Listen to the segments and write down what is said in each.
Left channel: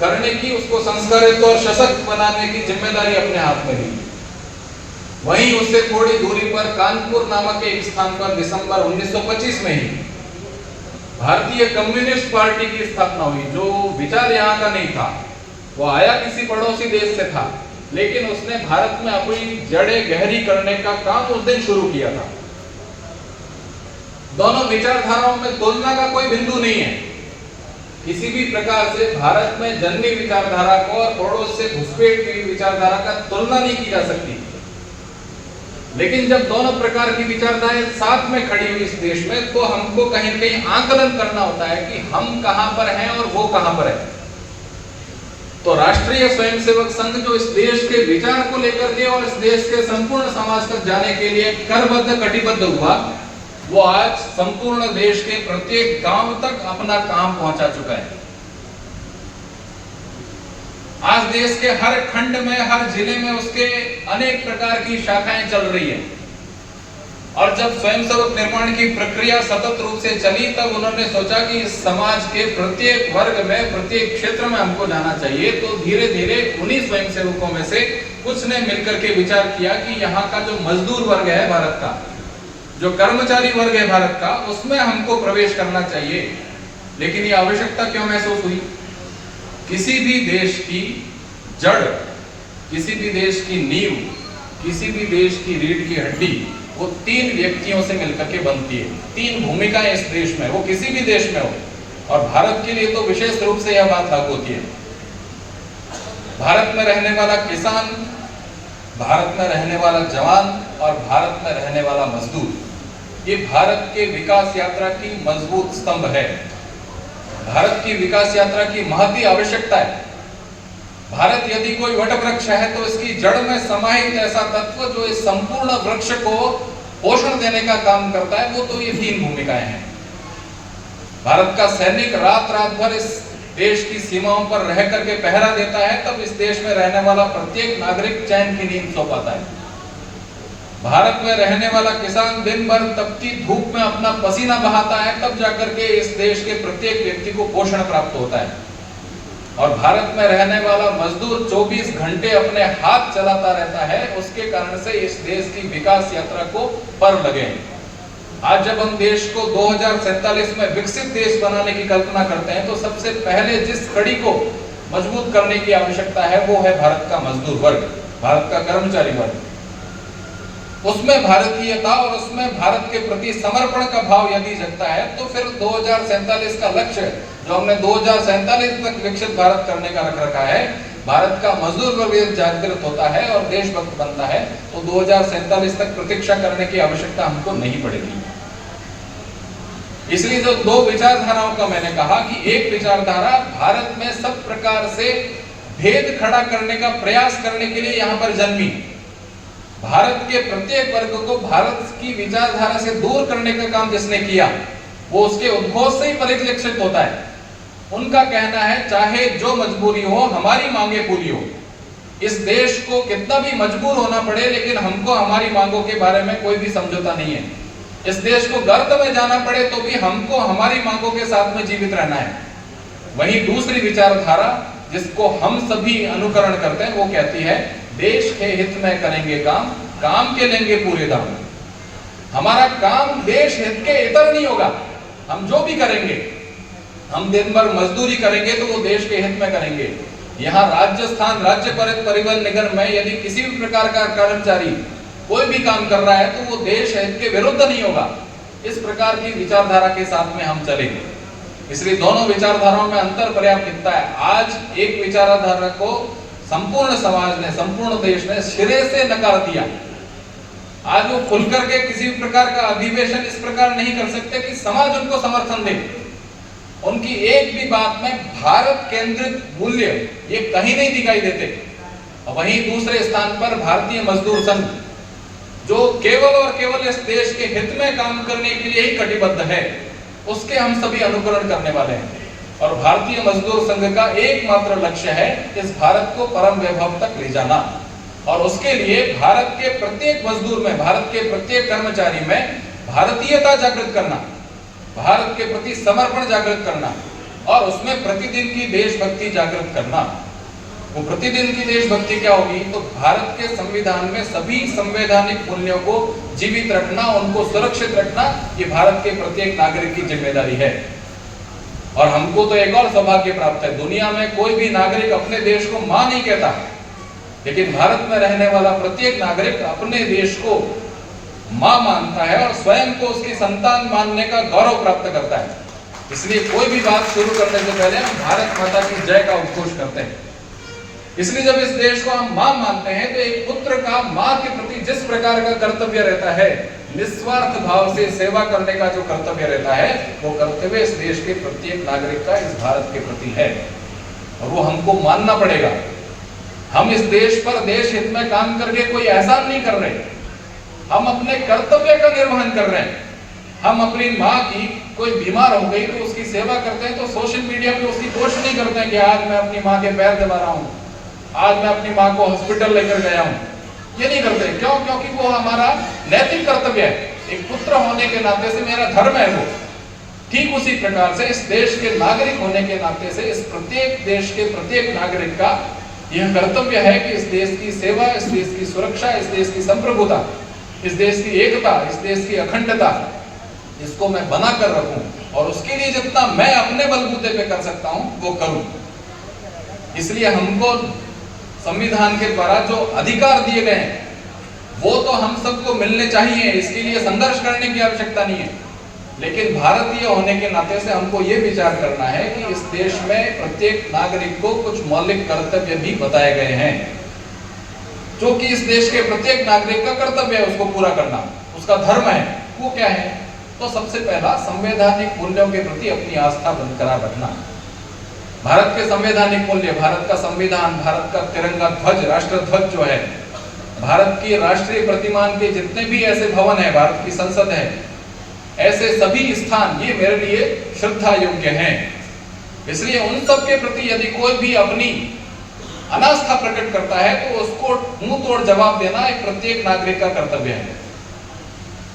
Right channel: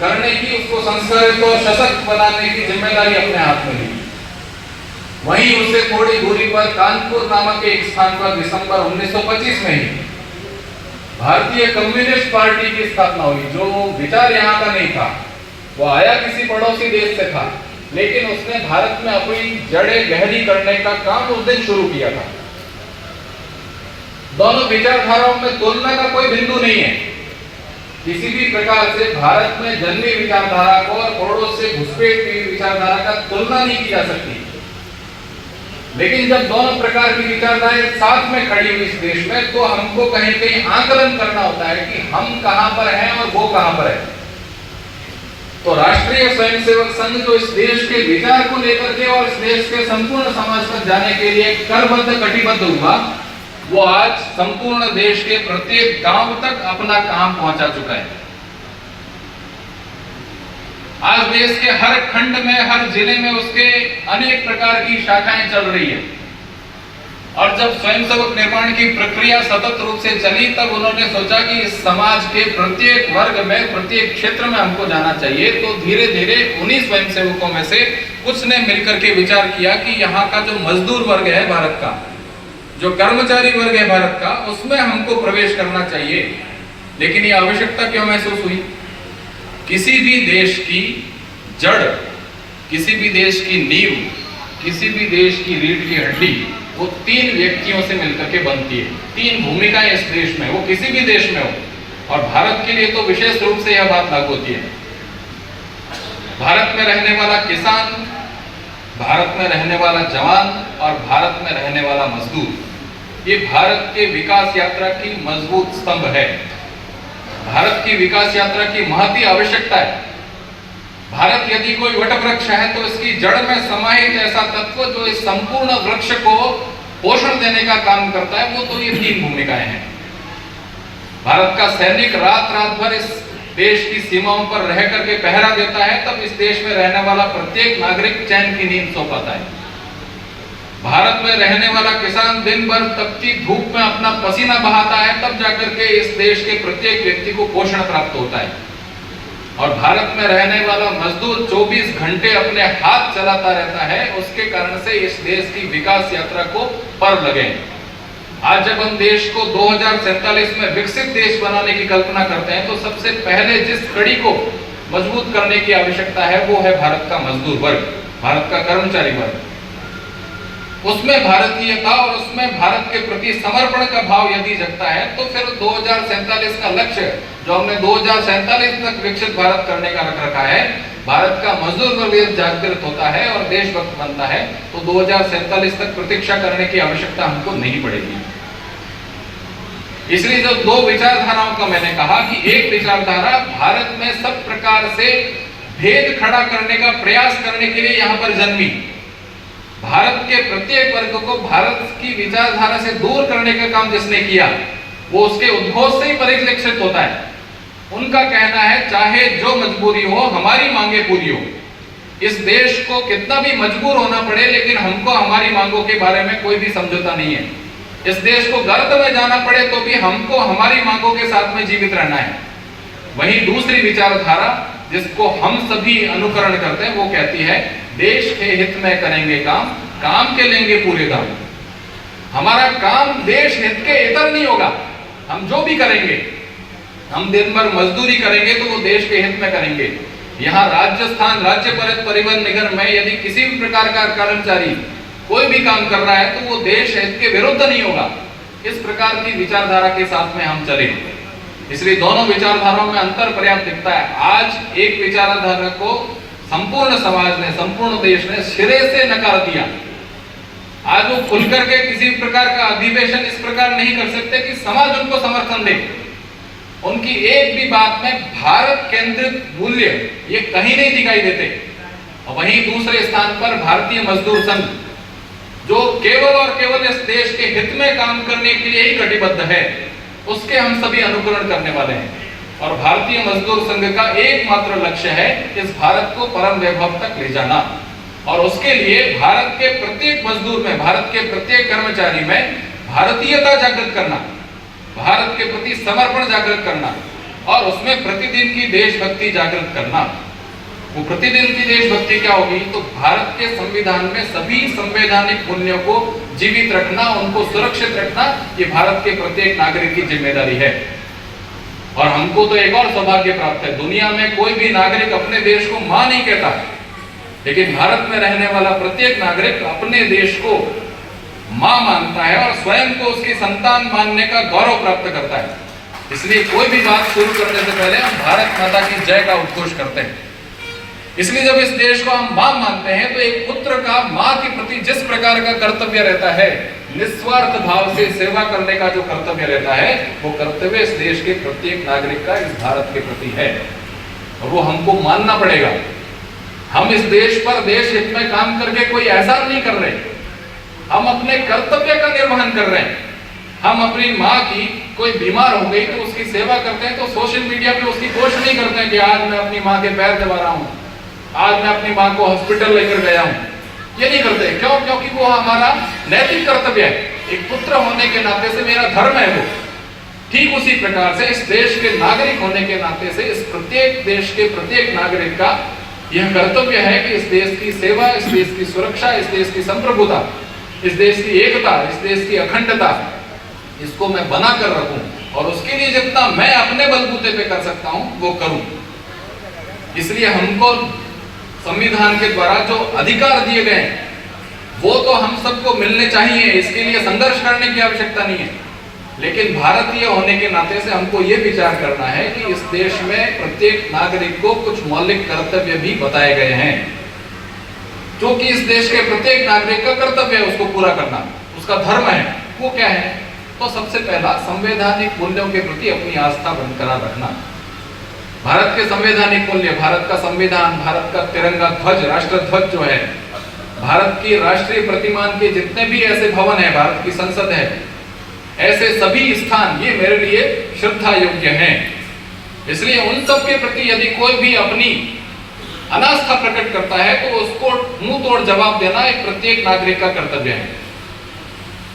करने की, उसको संस्कारित और सशक्त बनाने की जिम्मेदारी अपने हाथ में ली। वहीं उससे थोड़ी दूरी पर कानपुर नामक एक स्थान पर दिसंबर 1925 में ही भारतीय कम्युनिस्ट पार्टी की स्थापना हुई। जो विचार यहाँ का नहीं था, वो आया किसी पड़ोसी देश से था, लेकिन उसने भारत में अपनी जड़ें गहरी करने का काम उस दिन शुरू किया था। दोनों विचारधाराओं में तुलना का कोई बिंदु नहीं है। किसी भी प्रकार से भारत में जन्मी विचारधारा को और पड़ोस से घुसपैठ हुई विचारधारा का तुलना नहीं की जा सकती। लेकिन जब दोनों प्रकार की विचारधाराएं साथ में खड़ी हुई इस देश में, तो हमको कहीं कहीं आकलन करना होता है कि हम कहां पर हैं और वो कहां पर है। तो राष्ट्रीय स्वयंसेवक संघ जो इस देश के विचार को लेकर के और इस देश के संपूर्ण समाज तक जाने के लिए करबद्ध कटिबद्ध हुआ, वो आज संपूर्ण देश के प्रत्येक गांव तक अपना काम पहुंचा चुका है। आज देश के हर खंड में, हर जिले में उसके अनेक प्रकार की शाखाएं चल रही है। और जब स्वयंसेवक निर्माण की प्रक्रिया सतत रूप से चली, तब उन्होंने सोचा कि इस समाज के प्रत्येक वर्ग में, प्रत्येक क्षेत्र में हमको जाना चाहिए। तो धीरे धीरे उन्हीं स्वयंसेवकों में से कुछ ने मिलकर के विचार किया कि यहाँ का जो मजदूर वर्ग है भारत का, जो कर्मचारी वर्ग है भारत का, उसमें हमको प्रवेश करना चाहिए। लेकिन ये आवश्यकता क्यों महसूस हुई? किसी भी देश की जड़, किसी भी देश की नींव, किसी भी देश की रीढ़ की हड्डी वो तीन व्यक्तियों से मिलकर के बनती है। तीन भूमिकाएं इस देश में, वो किसी भी देश में हो, और भारत के लिए तो विशेष रूप से यह बात लागू होती है। भारत में रहने वाला किसान, भारत में रहने वाला जवान और भारत में रहने वाला मजदूर, ये भारत के विकास यात्रा की मजबूत स्तंभ है। भारत की विकास यात्रा की महती आवश्यकता है। भारत यदि कोई वट वृक्ष है, तो इसकी जड़ में समाहित ऐसा तत्व जो इस संपूर्ण वृक्ष को पोषण देने का काम करता है, वो तो ये तीन भूमिकाएं हैं। भारत का सैनिक रात रात भर इस देश की सीमाओं पर रह करके पहरा देता है, तब इस देश में रहने वाला प्रत्येक नागरिक चैन की नींद सो पाता है। भारत में रहने वाला किसान दिन भर तपती धूप में अपना पसीना बहाता है, तब जाकर के इस देश के प्रत्येक व्यक्ति को पोषण प्राप्त होता है। और भारत में रहने वाला मजदूर 24 घंटे अपने हाथ चलाता रहता है, उसके कारण से इस देश की विकास यात्रा को पर लगे। आज जब हम देश को 2047 में विकसित देश बनाने की कल्पना करते हैं, तो सबसे पहले जिस कड़ी को मजबूत करने की आवश्यकता है, वो है भारत का मजदूर वर्ग, भारत का कर्मचारी वर्ग। उसमें भारतीयता और उसमें भारत के प्रति समर्पण का भाव यदि जगता है, तो फिर 2047 का लक्ष्य जो हमने 2047 तक विकसित भारत करने का रख रखा है, भारत का मजदूर वर्ग जागृत होता है और देशभक्त बनता है, तो 2047 तक प्रतीक्षा करने की आवश्यकता हमको नहीं पड़ेगी। इसलिए जो दो विचारधाराओं का मैंने कहा कि एक विचारधारा भारत में सब प्रकार से भेद खड़ा करने का प्रयास करने के लिए यहाँ पर जन्मी। भारत के प्रत्येक वर्ग को भारत की विचारधारा से दूर करने का काम जिसने किया, वो उसके उद्घोष से ही परिलक्षित होता है। उनका कहना है, चाहे जो मजबूरी हो, हमारी मांगे पूरी हो। इस देश को कितना भी मजबूर होना पड़े, लेकिन हमको हमारी मांगों के बारे में कोई भी समझौता नहीं है। इस देश को गर्त में जाना पड़े तो भी हमको हमारी मांगों के साथ में जीवित रहना है। वहीं दूसरी विचारधारा जिसको हम सभी अनुकरण करते हैं, वो कहती है, देश के हित में करेंगे काम, काम के लेंगे पूरे दाम। हमारा काम देश हित के इतर नहीं होगा। हम जो भी करेंगे, हम दिन भर मजदूरी करेंगे तो वो देश के हित में करेंगे। यहाँ राजस्थान राज्य परिवहन निगम में यदि किसी भी प्रकार का कर्मचारी कोई भी काम कर रहा है, तो वो देश हित के विरुद्ध नहीं होगा। इस प्रकार की विचारधारा के साथ में हम चले। इसलिए दोनों विचारधाराओं में अंतर पर्याप्त दिखता है। आज एक विचारधारा को संपूर्ण समाज ने, संपूर्ण देश ने सिरे से नकार दिया। आज वो खुल करके किसी प्रकार का अधिवेशन इस प्रकार नहीं कर सकते कि समाज उनको समर्थन दे। उनकी एक भी बात में भारत केंद्रित मूल्य ये कहीं नहीं दिखाई देते। और वहीं दूसरे स्थान पर भारतीय मजदूर संघ, जो केवल और केवल इस देश के हित में काम करने के लिए ही कटिबद्ध है, उसके हम सभी अनुकरण करने वाले हैं। और भारतीय मजदूर संघ का एकमात्र लक्ष्य है इस भारत को परम वैभव तक ले जाना। और उसके लिए भारत के प्रत्येक मजदूर में, भारत के प्रत्येक कर्मचारी में भारतीयता जागृत करना, भारत के प्रति समर्पण जागृत करना, और उसमें प्रतिदिन की देशभक्ति जागृत करना। वो प्रतिदिन की देशभक्ति क्या होगी? तो भारत के संविधान में सभी संवैधानिक मूल्यों को जीवित रखना, उनको सुरक्षित रखना, ये भारत के प्रत्येक नागरिक की जिम्मेदारी है। और हमको तो एक और सौभाग्य प्राप्त है, दुनिया में कोई भी नागरिक अपने देश को मां नहीं कहता, लेकिन भारत में रहने वाला प्रत्येक नागरिक अपने देश को मां मानता है और स्वयं को उसकी संतान मानने का गौरव प्राप्त करता है। इसलिए कोई भी बात शुरू करने से पहले हम भारत माता की जय का उद्घोष करते हैं। इसलिए जब इस देश को हम मां मानते हैं तो एक पुत्र का मां के प्रति जिस प्रकार का कर्तव्य रहता है, निस्वार्थ भाव से सेवा करने का जो कर्तव्य रहता है, वो कर्तव्य इस देश के प्रत्येक नागरिक का इस भारत के प्रति है और वो हमको मानना पड़ेगा। हम इस देश पर देश हित में काम करके कोई एहसान नहीं कर रहे, हम अपने कर्तव्य का निर्वहन कर रहे हैं। हम अपनी माँ की कोई बीमार हो गई तो उसकी सेवा करते हैं, तो सोशल मीडिया पे उसकी पोस्ट नहीं करते हैं कि आज मैं अपनी माँ के पैर दबा रहा हूँ, आज मैं अपनी माँ को हॉस्पिटल लेकर गया हूँ। ये नहीं करते। क्यों? क्योंकि वो हमारा नैतिक कर्तव्य है, एक पुत्र होने के नाते से मेरा धर्म है वो। ठीक उसी प्रकार से इस देश के नागरिक होने के नाते से इस प्रत्येक देश के प्रत्येक नागरिक का यह कर्तव्य है कि इस देश की सेवा, इस देश की सुरक्षा, इस देश की संप्रभुता, इस देश की एकता, इस देश की अखंडता, इसको मैं बना कर रखूं और उसके लिए जितना मैं अपने बलबूते पे कर सकता हूं वो करूं। इसलिए हमको संविधान के द्वारा जो अधिकार दिए गए हैं वो तो हम सबको मिलने चाहिए, इसके लिए संघर्ष करने की आवश्यकता नहीं है। लेकिन भारतीय होने के नाते से हमको ये विचार करना है कि इस देश में प्रत्येक नागरिक को कुछ मौलिक कर्तव्य भी बताए गए हैं, जो कि इस देश के प्रत्येक नागरिक का कर्तव्य है उसको पूरा करना, उसका धर्म है। वो क्या है? तो सबसे पहला संवैधानिक मूल्यों के प्रति अपनी आस्था बरकरार रखना। भारत के संवैधानिक मूल्य, भारत का संविधान, भारत का तिरंगा ध्वज, राष्ट्र ध्वज जो है, भारत की राष्ट्रीय प्रतिमान के जितने भी ऐसे भवन है, भारत की संसद है, ऐसे सभी स्थान ये मेरे लिए श्रद्धा योग्य हैं। इसलिए उन सब के प्रति यदि कोई भी अपनी अनास्था प्रकट करता है तो उसको मुंह तोड़ जवाब देना एक प्रत्येक नागरिक का कर्तव्य है।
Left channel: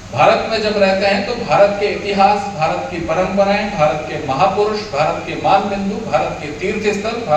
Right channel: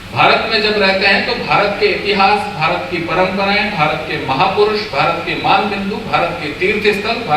भारत में जब रहते हैं तो भारत के इतिहास, भारत की परंपराएं, भारत के महापुरुष, भारत के मान बिंदु, भारत के तीर्थ स्थल,